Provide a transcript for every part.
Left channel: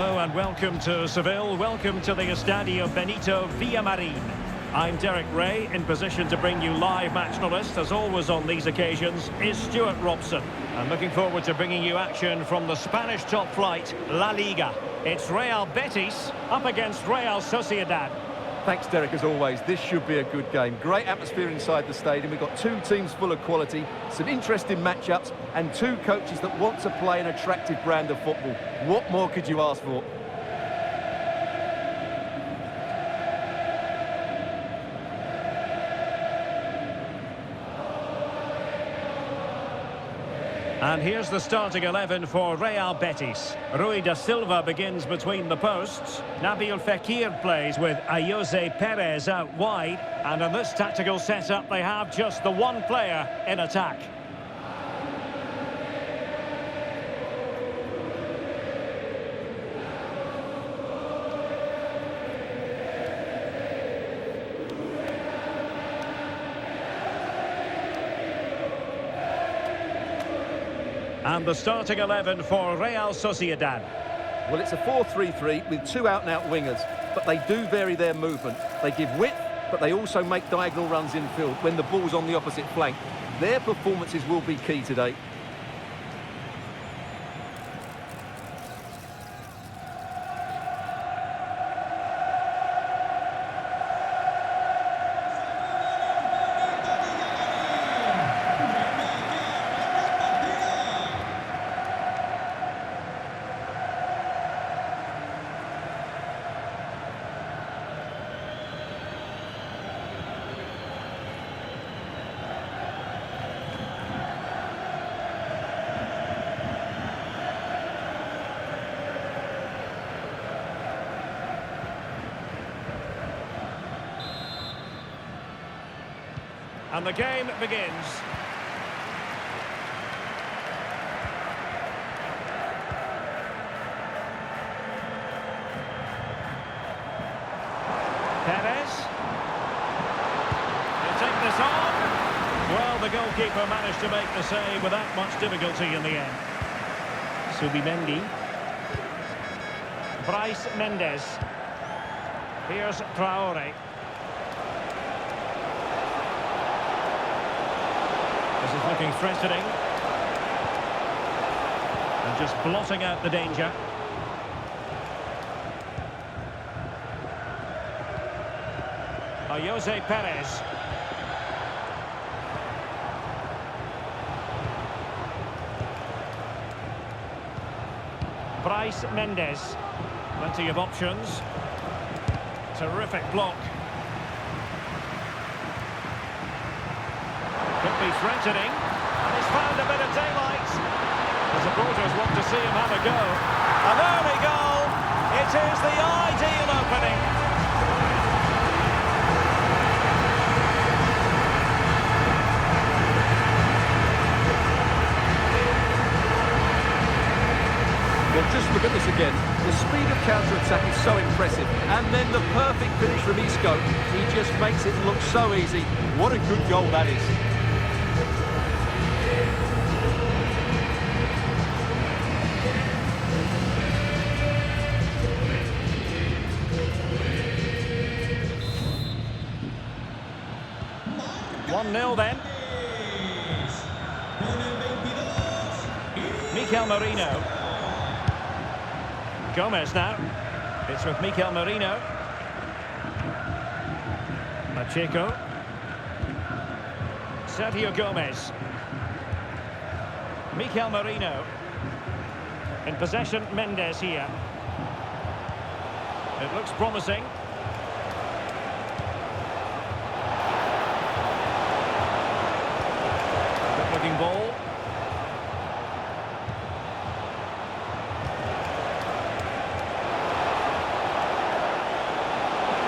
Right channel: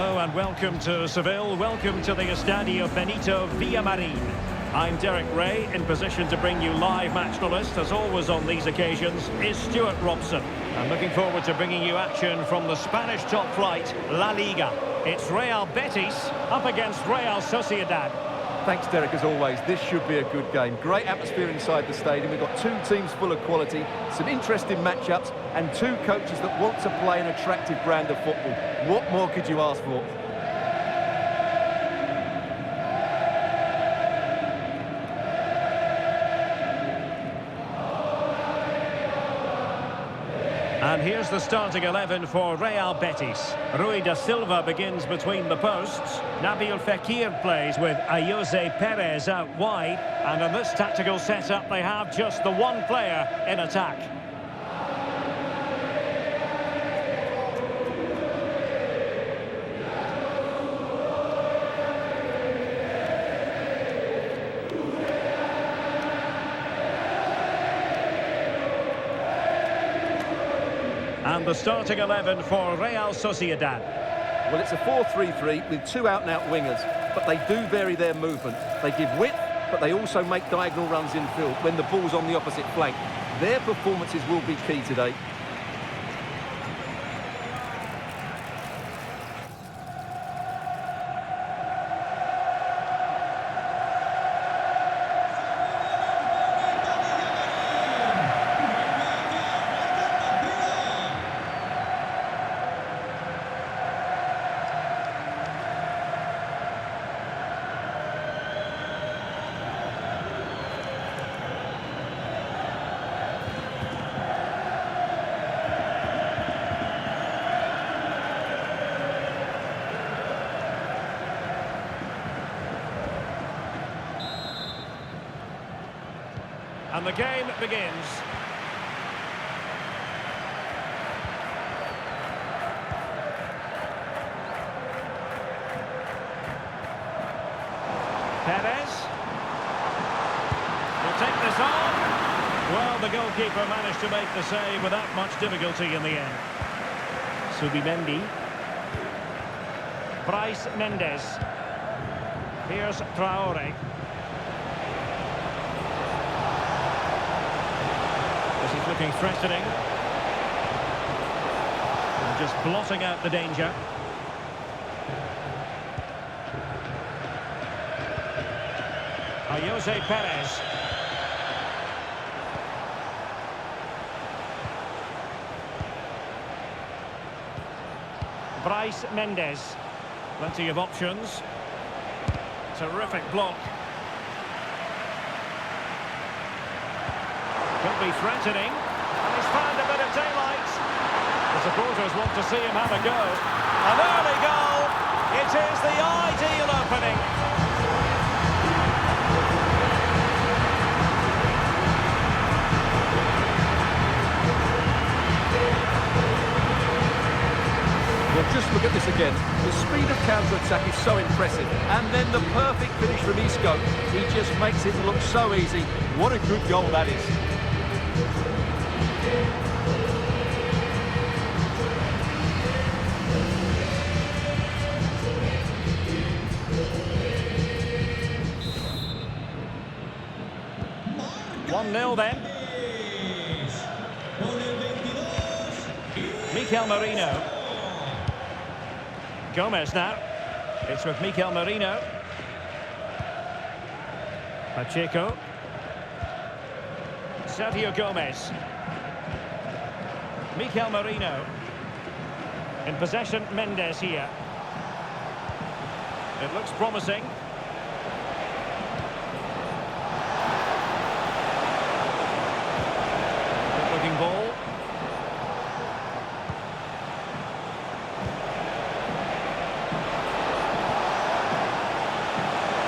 Hello and welcome to Seville. Welcome to the Estadio Benito Villamarin. I'm Derek Ray, in position to bring you live match analyst, as always on these occasions, is Stuart Robson. I'm looking forward to bringing you action from the Spanish top flight, La Liga. It's Real Betis up against Real Sosiedad. Thanks, Derek, as always. This should be a good game. Great atmosphere inside the stadium. We've got two teams full of quality, some interesting matchups, and two coaches that want to play an attractive brand of football. What more could you ask for? And here's the starting 11 for Real Betis. Rui da Silva begins between the posts. Nabil Fekir plays with Ayoze Perez out wide. And in this tactical setup, they have just the one player in attack. And the starting 11 for Real Sociedad. Well, it's a 4-3-3 with two out-and-out wingers, but they do vary their movement. They give width, but they also make diagonal runs infield when the ball's on the opposite flank. Their performances will be key today. And the game begins. Perez. He'll take this on. Well, the goalkeeper managed to make the save without much difficulty in the end. Subimendi. Bryce Mendes. Here's Traore. This is looking threatening. And just blotting out the danger. Ayoze Perez. Bryce Mendes. Plenty of options. Terrific block. Could be threatening, and he's found a bit of daylight. The supporters want to see him have a go. An early goal. It is the ideal opening. Well, just look at this again. The speed of counter-attack is so impressive. And then the perfect finish from Isco. He just makes it look so easy. What a good goal that is. One 0 then. Mikel Merino. Gomez now. It's with Mikel Merino. Pacheco. Sergio Gomez. Mikel Merino. In possession, Mendes here. It looks promising. Good looking ball.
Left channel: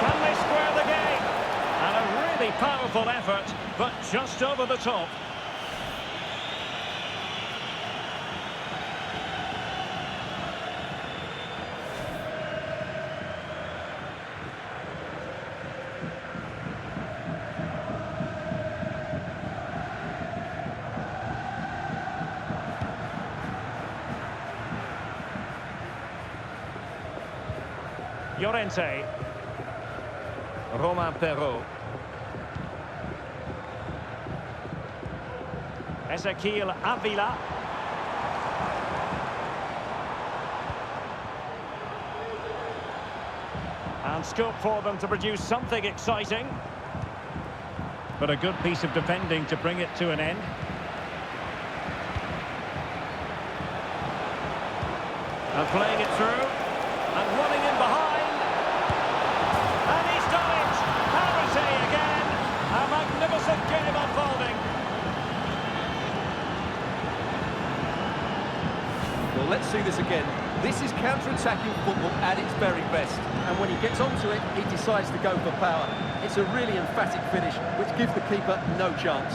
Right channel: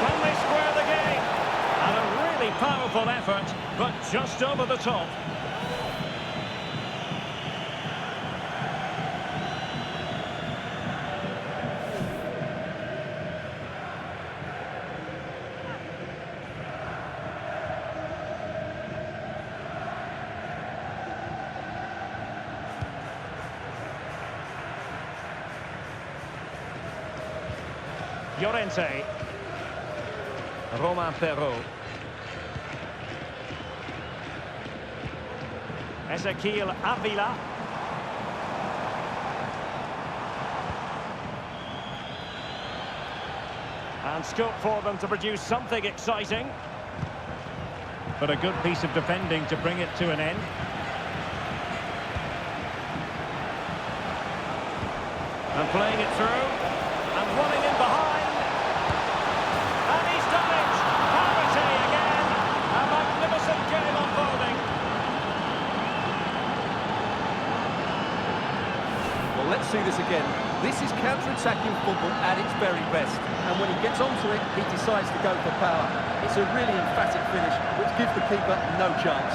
Can they square the game? And a really powerful effort, but just over the top. Llorente. Romain Perrault. Ezequiel Avila. And scope for them to produce something exciting. But a good piece of defending to bring it to an end. And playing it through. And running in behind. And he's done it! Parity again! A magnificent game unfolding. Well, let's see this again. This is counter-attacking football at its very best. And when he gets onto it, he decides to go for power. It's a really emphatic finish, which gives the keeper no chance.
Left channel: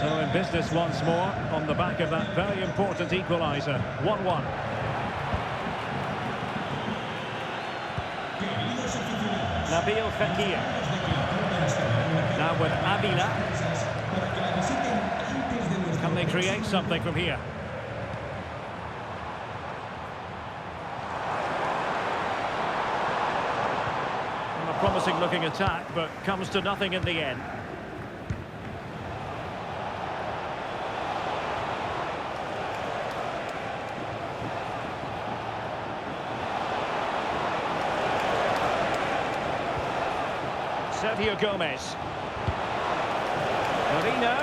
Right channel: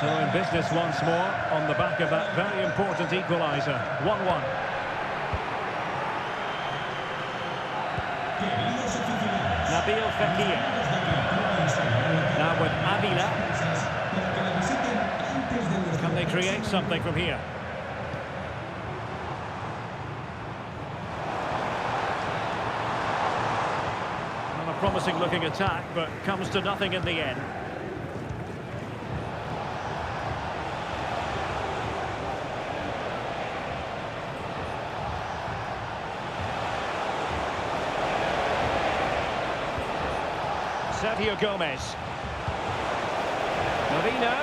So in business once more, on the back of that very important equaliser. 1-1. Nabil Fekir. Now with Avila. Can they create something from here? Well, a promising looking attack, but comes to nothing in the end. Sergio Gomez. Marino.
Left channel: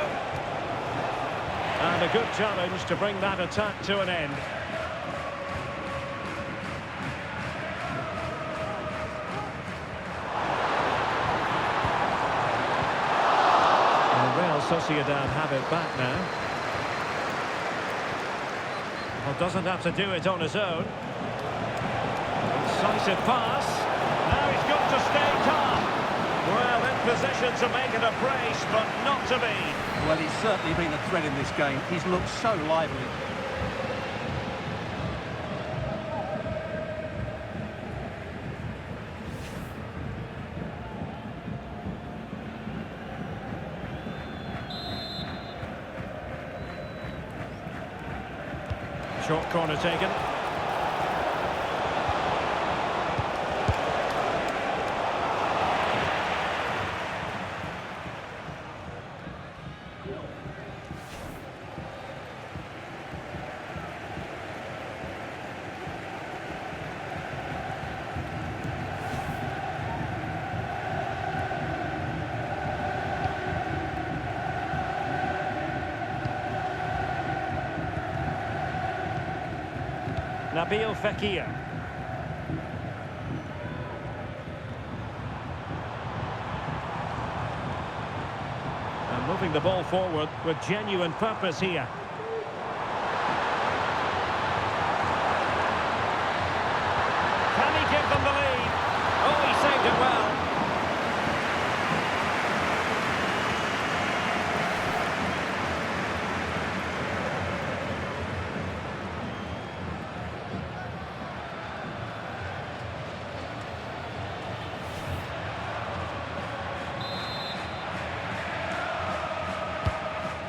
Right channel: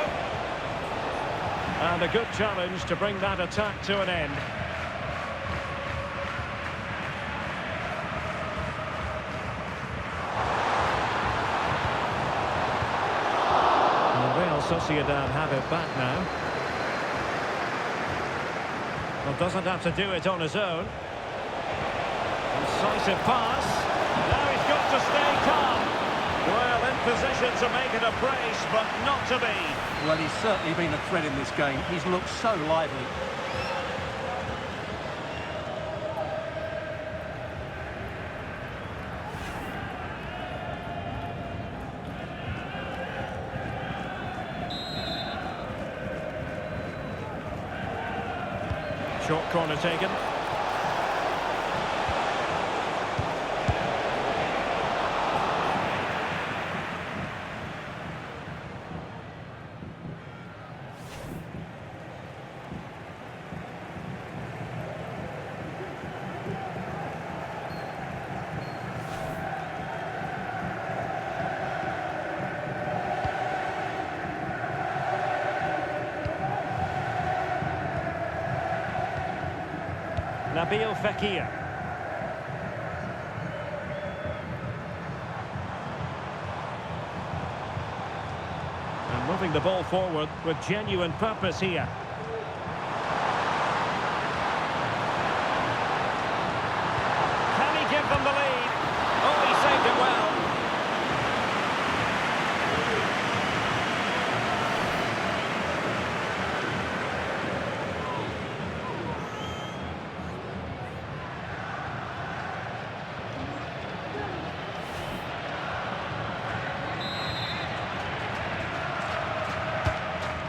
And a good challenge to bring that attack to an end. And Real Sociedad have it back now. Well, doesn't have to do it on his own. Incisive pass. Now he's got to stay calm. Well, in position to make it a brace, but not to be. Well, he's certainly been a threat in this game. He's looked so lively. Short corner taken. Nabil Fekir. And moving the ball forward with genuine purpose here. Can he give them the lead? Oh, he saved it well.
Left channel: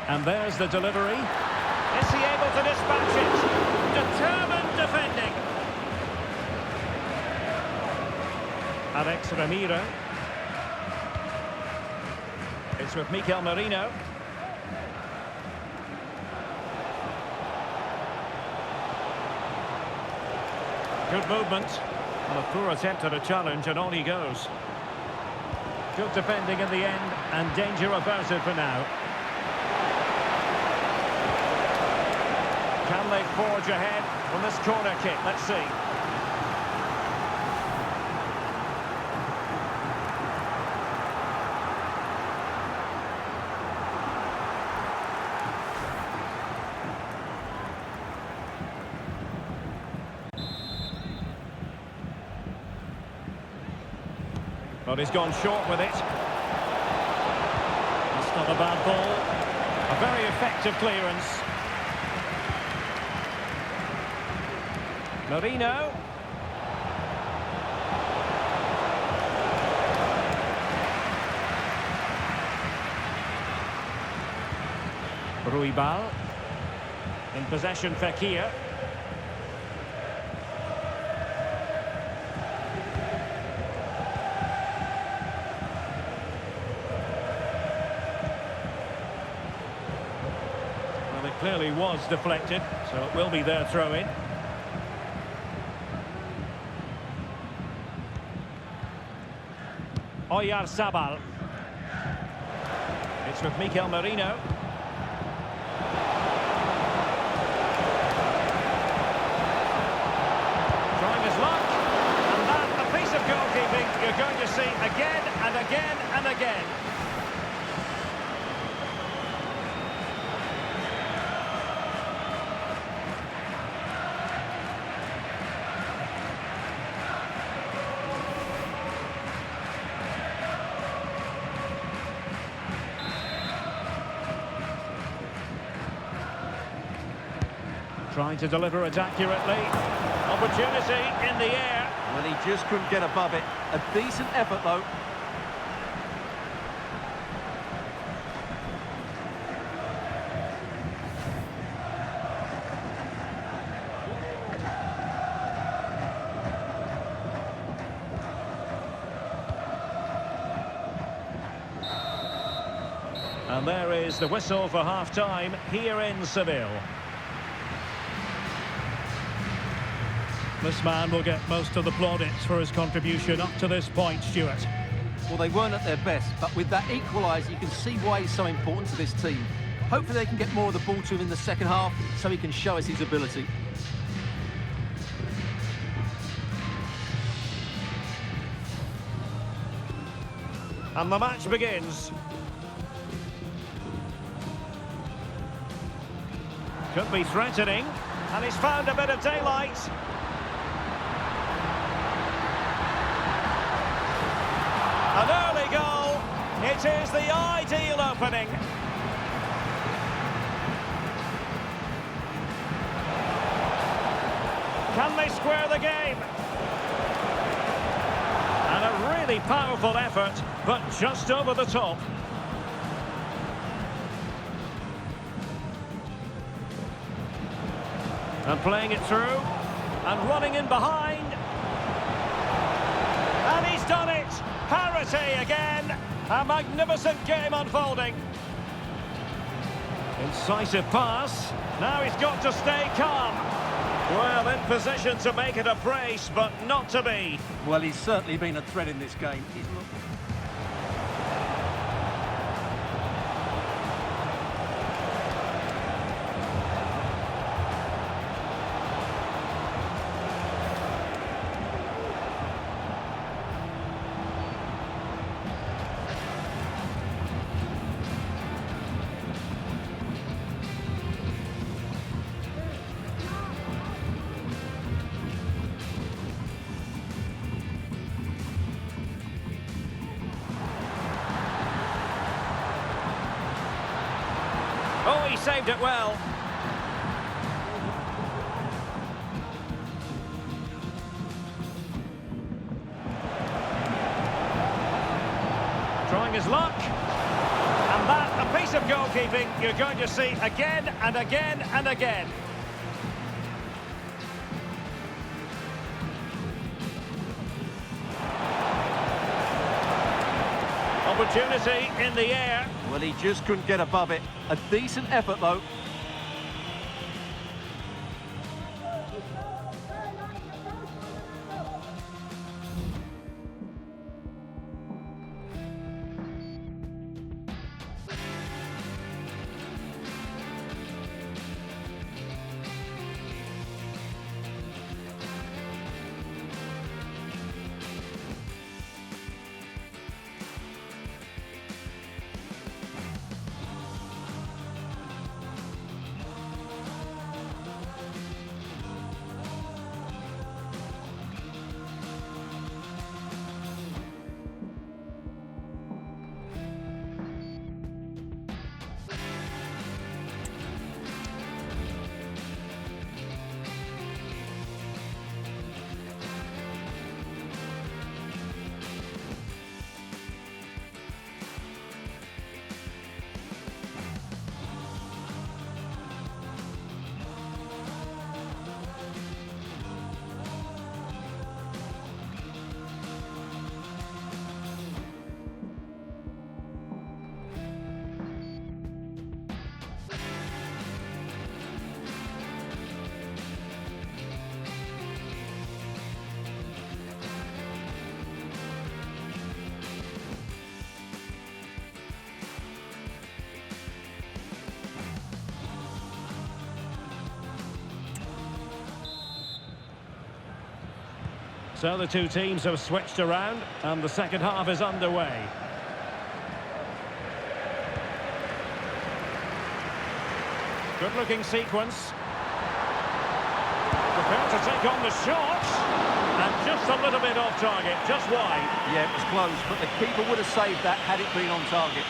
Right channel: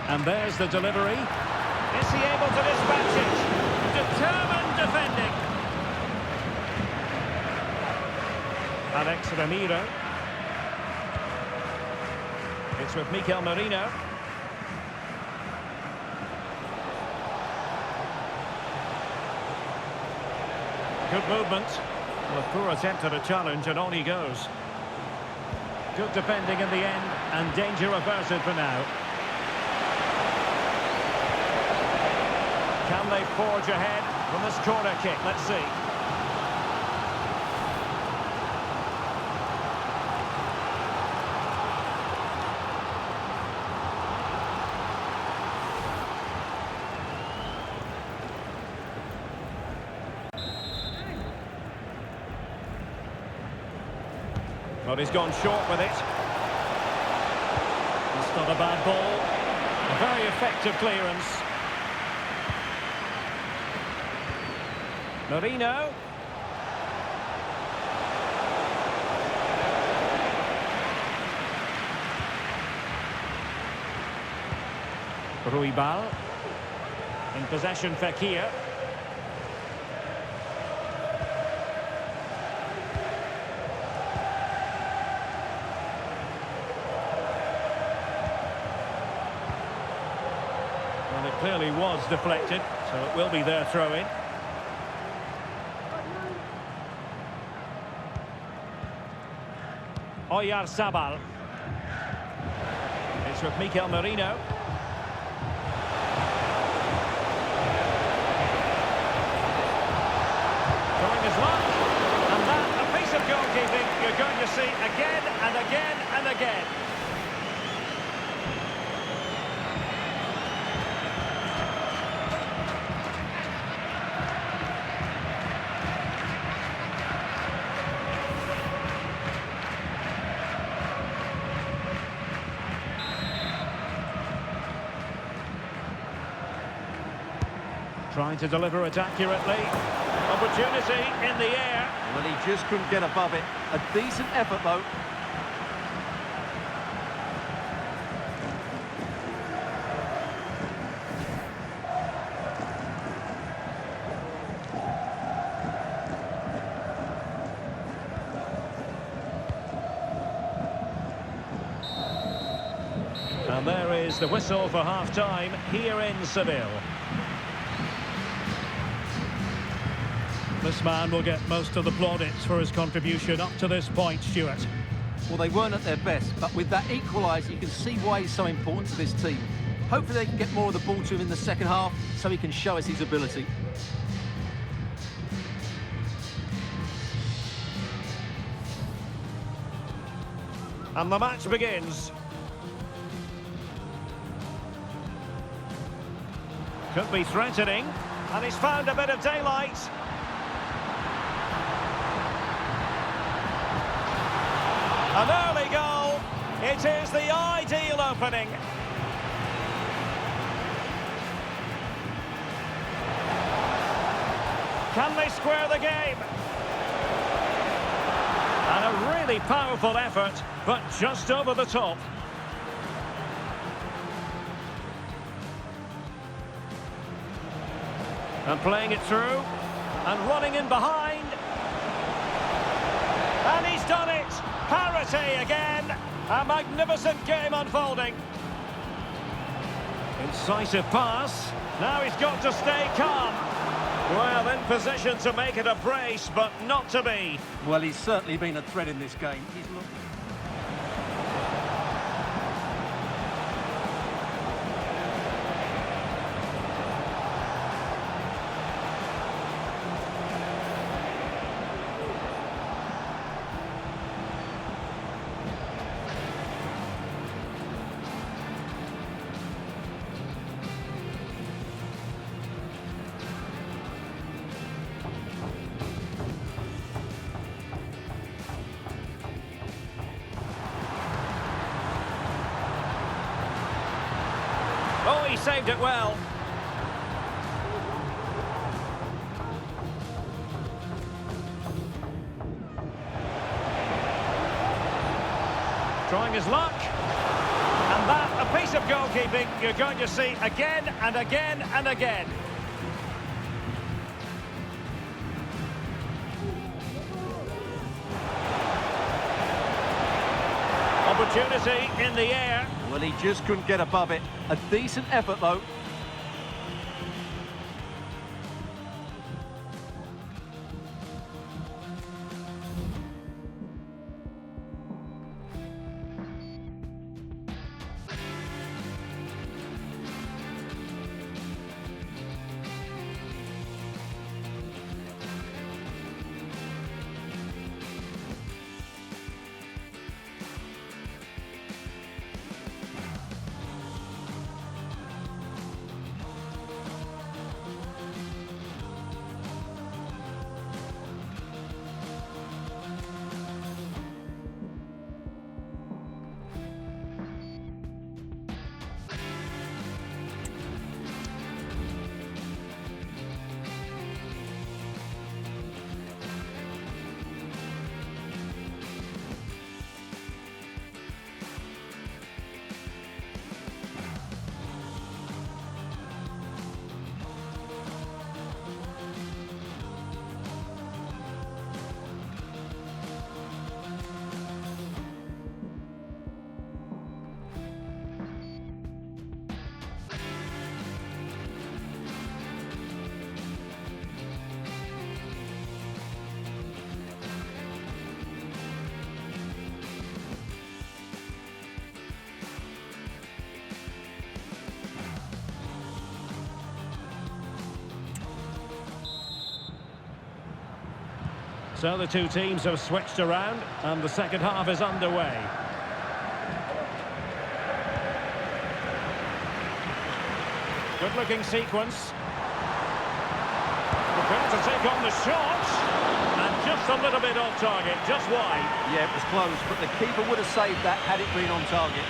And there's the delivery. Is he able to dispatch it? Determined defending. Alex Ramiro. It's with Mikel Merino. Good movement. Well, a poor attempt at a challenge, and on he goes. Good defending in the end, and danger averted for now. Can they forge ahead from this corner kick? Let's see. But he's gone short with it. It's not a bad ball. A very effective clearance. Marino. Ruibal. In possession, Fekir. Well, it clearly was deflected, so it will be their throw-in. Oyarzabal. It's with Mikel Merino. Trying his luck. And that, a piece of goalkeeping you're going to see again and again and again. Trying to deliver it accurately. Opportunity in the air. Well, he just couldn't get above it. A decent effort, though. And there is the whistle for half-time here in Seville. This man will get most of the plaudits for his contribution up to this point, Stuart. Well, they weren't at their best, but with that equaliser, you can see why he's so important to this team. Hopefully they can get more of the ball to him in the second half so he can show us his ability. And the match begins. Could be threatening, and he's found a bit of daylight. An early goal. It is the ideal opening. Can they square the game? And a really powerful effort, but just over the top. And playing it through, and running in behind. And he's done it! Parity again! A magnificent game unfolding. Incisive pass. Now he's got to stay calm. Well, in position to make it a brace, but not to be. Well, he's certainly been a threat in this game. He's looked... Oh, he saved it well. Trying his luck. And that, a piece of goalkeeping you're going to see again and again and again. Opportunity in the air. Well, he just couldn't get above it. A decent effort, though. So the two teams have switched around and the second half is underway. Good-looking sequence. Prepared to take on the shot. And just a little bit off target, just wide. Yeah, it was close, but the keeper would have saved that had it been on target.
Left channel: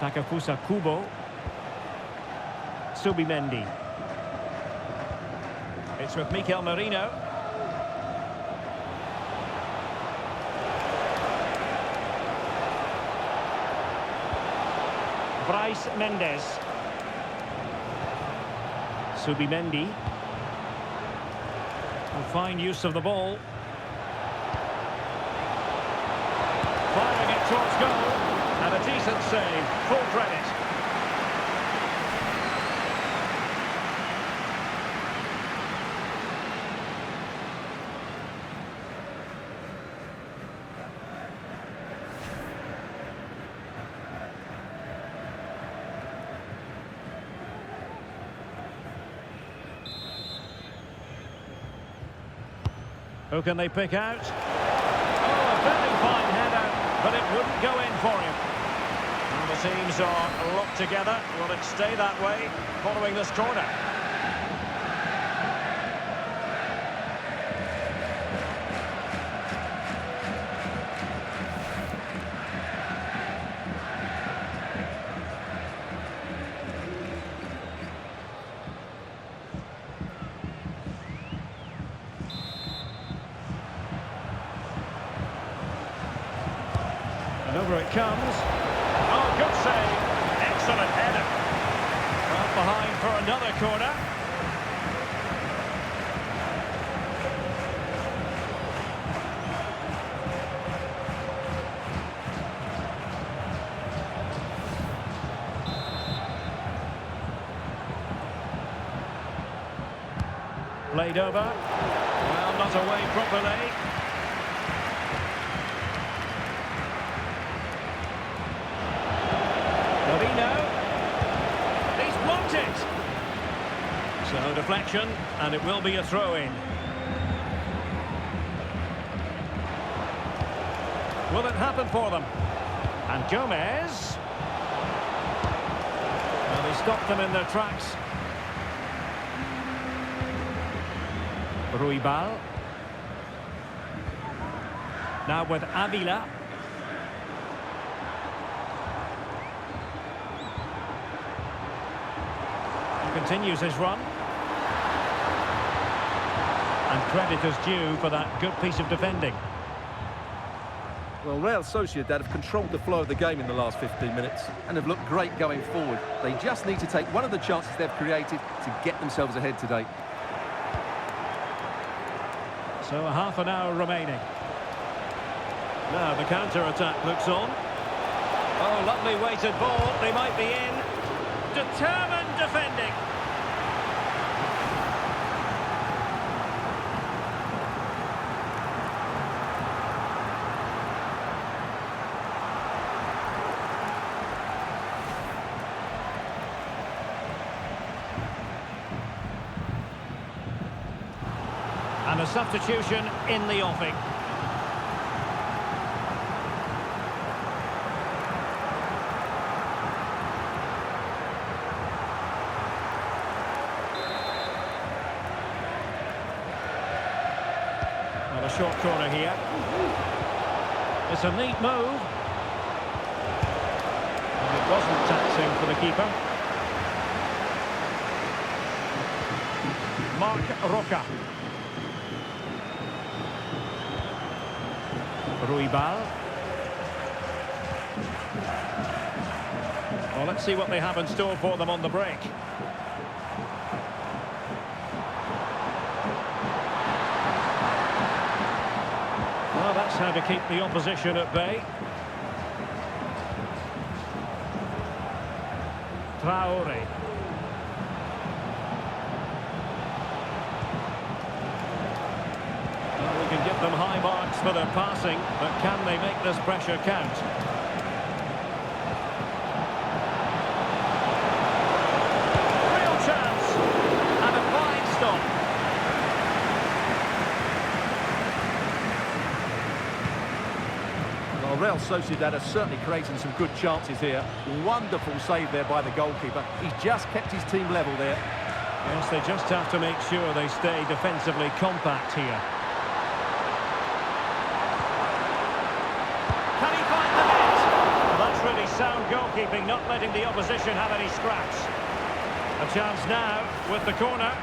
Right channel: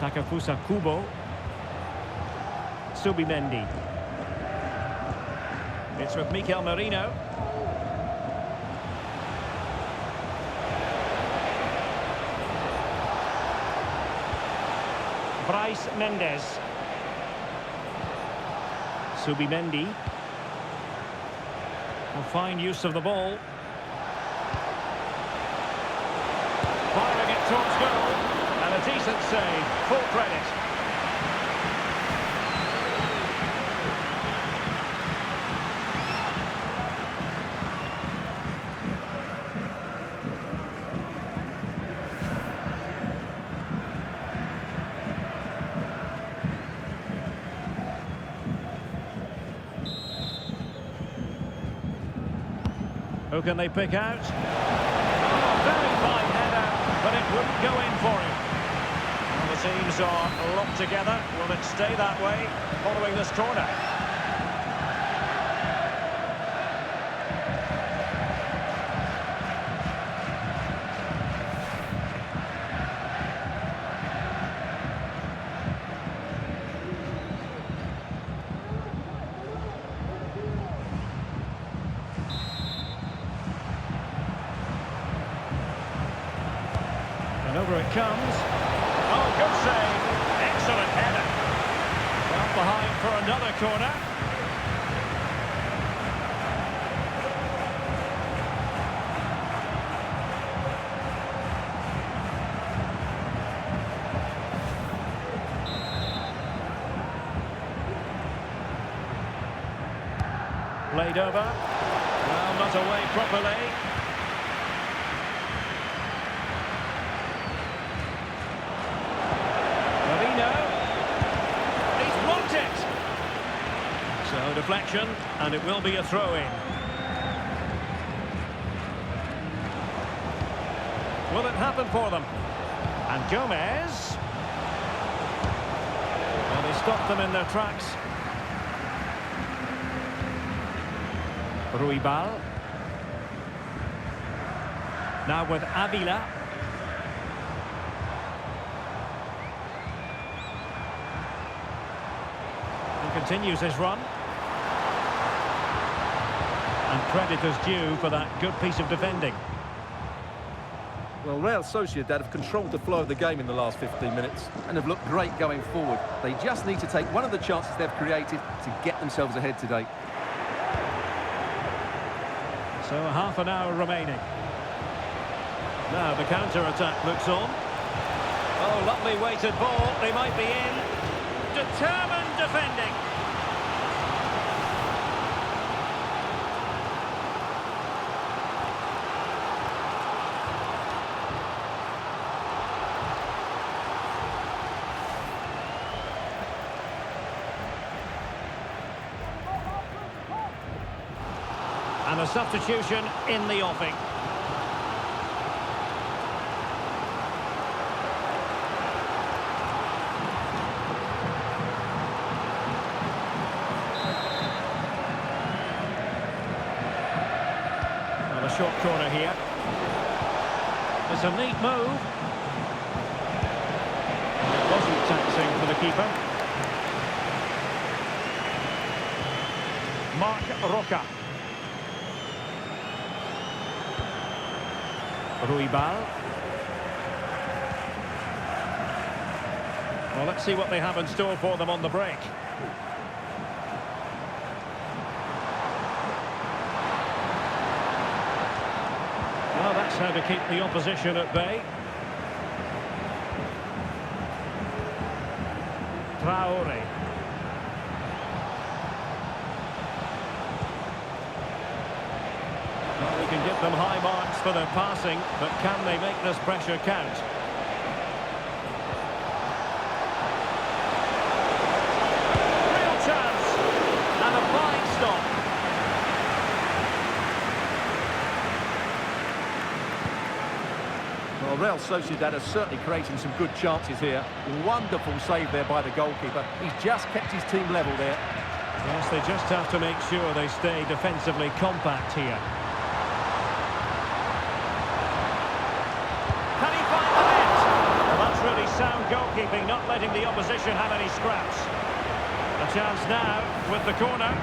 Takafusa Kubo. Subimendi. It's with Mikel Merino. Bryce Mendes. Subimendi. Well, fine use of the ball. Firing it towards goal. And a decent save. Full credit. Who can they pick out? Oh, a very fine header, but it wouldn't go in for him. Well, the teams are locked together. Will it stay that way following this corner? And over it comes. Oh, good save. Excellent header. Well, behind for another corner. Played over. Well, not away properly. Marino, he's blocked it. So deflection, and it will be a throw-in. Will it happen for them? And Gomez. Well, they stopped them in their tracks. Ruibal. Now with Avila. Continues his run. And credit is due for that good piece of defending. Well, Real Sosiedad have controlled the flow of the game in the last 15 minutes and have looked great going forward. They just need to take one of the chances they've created to get themselves ahead today. So a half an hour remaining. Now the counter-attack looks on. Oh, lovely weighted ball. They might be in. Determined defending. And a substitution in the offing. Well, a short corner here. It's a neat move. And it wasn't taxing for the keeper. Marc Roca. Ruibal. Well, let's see what they have in store for them on the break. Well, that's how to keep the opposition at bay. Traore. Well, we can give them high marks for their passing, but can they make this pressure count? Real chance! And a fine stop. Well, Real Sociedad are certainly creating some good chances here. Wonderful save there by the goalkeeper. He's just kept his team level there. Yes, they just have to make sure they stay defensively compact here. Can he find the net? Well, that's really sound goalkeeping, not letting the opposition have any scraps. A chance now with the corner.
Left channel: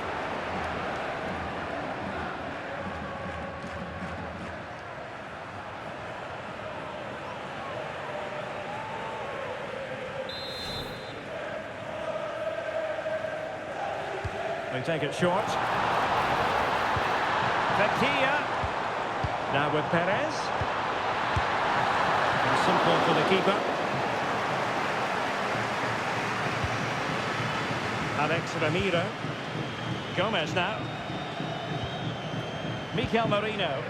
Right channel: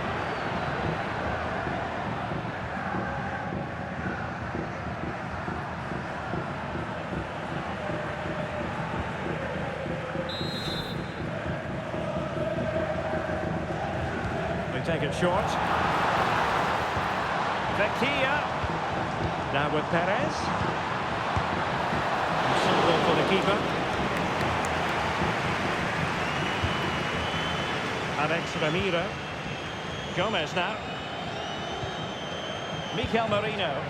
They take it short. Vecchia. Now with Perez. And simple for the keeper. Alex Ramiro. Gomez now. Mikel Merino.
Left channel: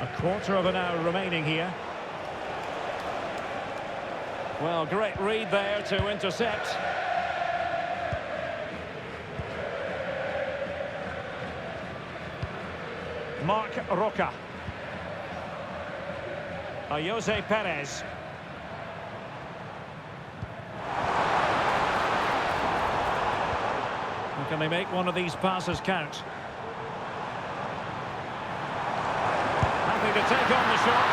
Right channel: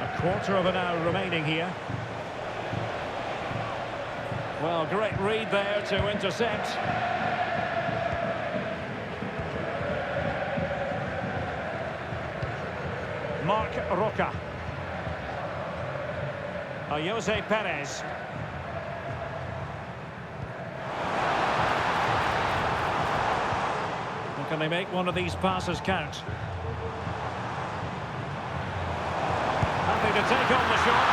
A quarter of an hour remaining here. Well, great read there to intercept. Marc Roca. Jose Perez. Well, can they make one of these passes count? Happy to take on the shot.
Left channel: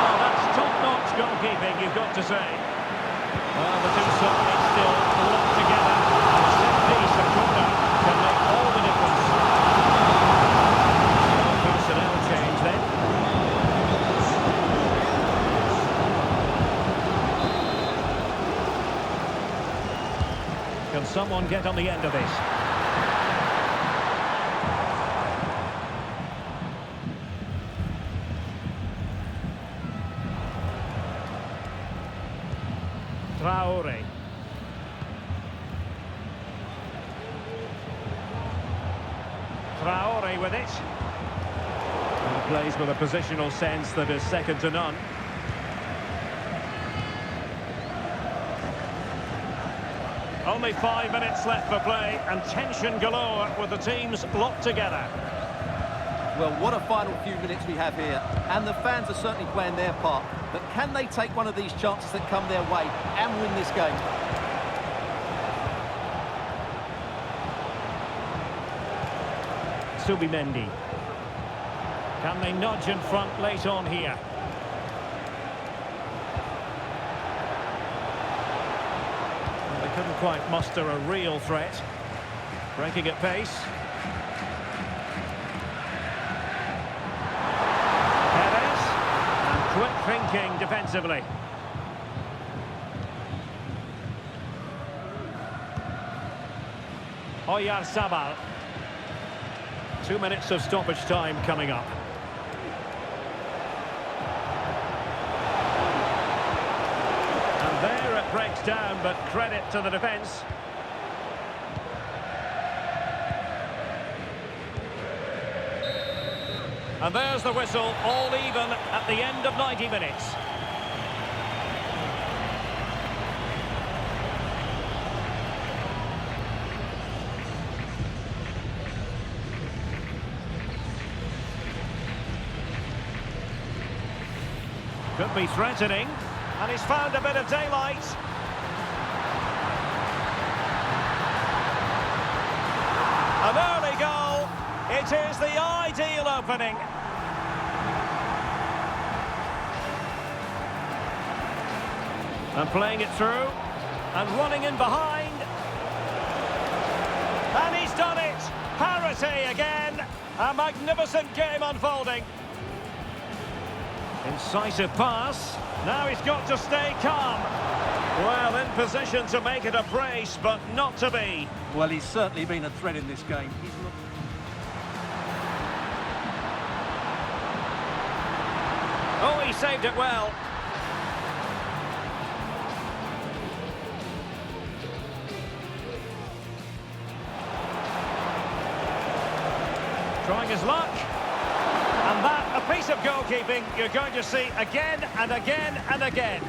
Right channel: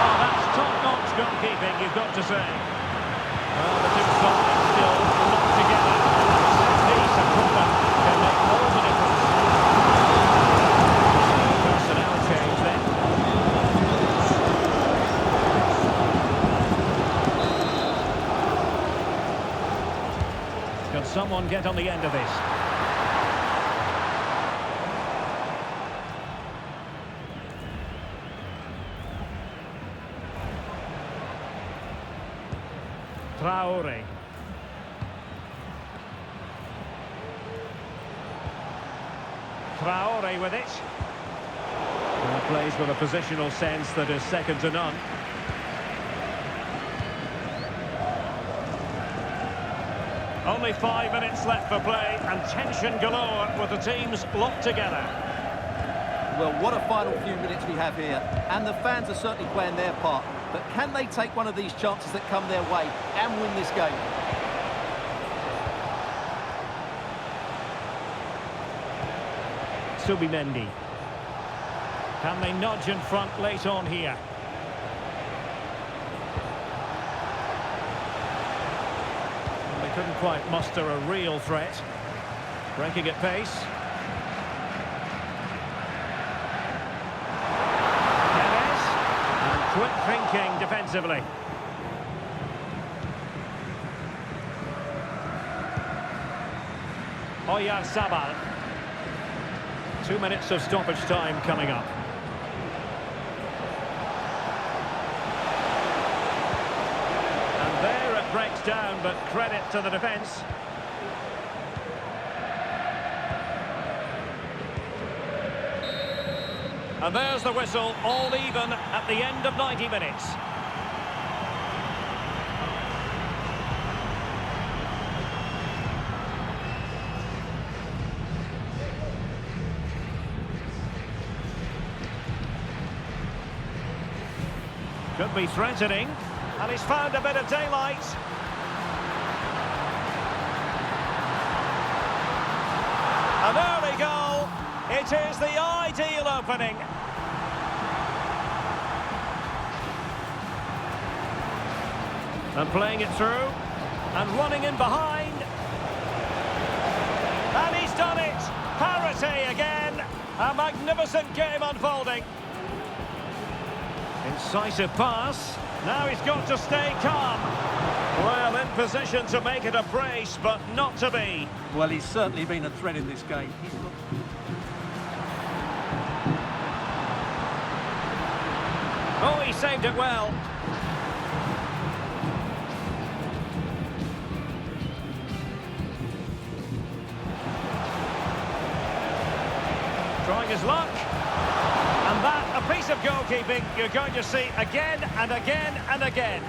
Oh, that's top-notch goalkeeping, you've got to say. Well, the two sides still locked together. And a set piece, a corner, can make all the difference. Personnel change then. Can someone get on the end of this? Traore. Traore with it. Plays with a positional sense that is second to none. Only 5 minutes left for play and tension galore with the teams locked together. Well, what a final few minutes we have here. And the fans are certainly playing their part. But can they take one of these chances that come their way and win this game? Subimendi. Can they nudge in front late on here? Well, they couldn't quite muster a real threat. Breaking at pace. Perez. And quick thinking defensively. Oyarzabal. 2 minutes of stoppage time coming up. And there it breaks down, but credit to the defence. And there's the whistle, all even at the end of 90 minutes. Could be threatening, and he's found a bit of daylight. An early goal. It is the ideal opening. And playing it through, and running in behind. And he's done it. Parity again. A magnificent game unfolding. Incisive pass. Now he's got to stay calm. Well, in position to make it a brace, but not to be. Well, he's certainly been a threat in this game. Oh, he saved it well. Trying his luck. And that, a piece of goalkeeping you're going to see again and again and again.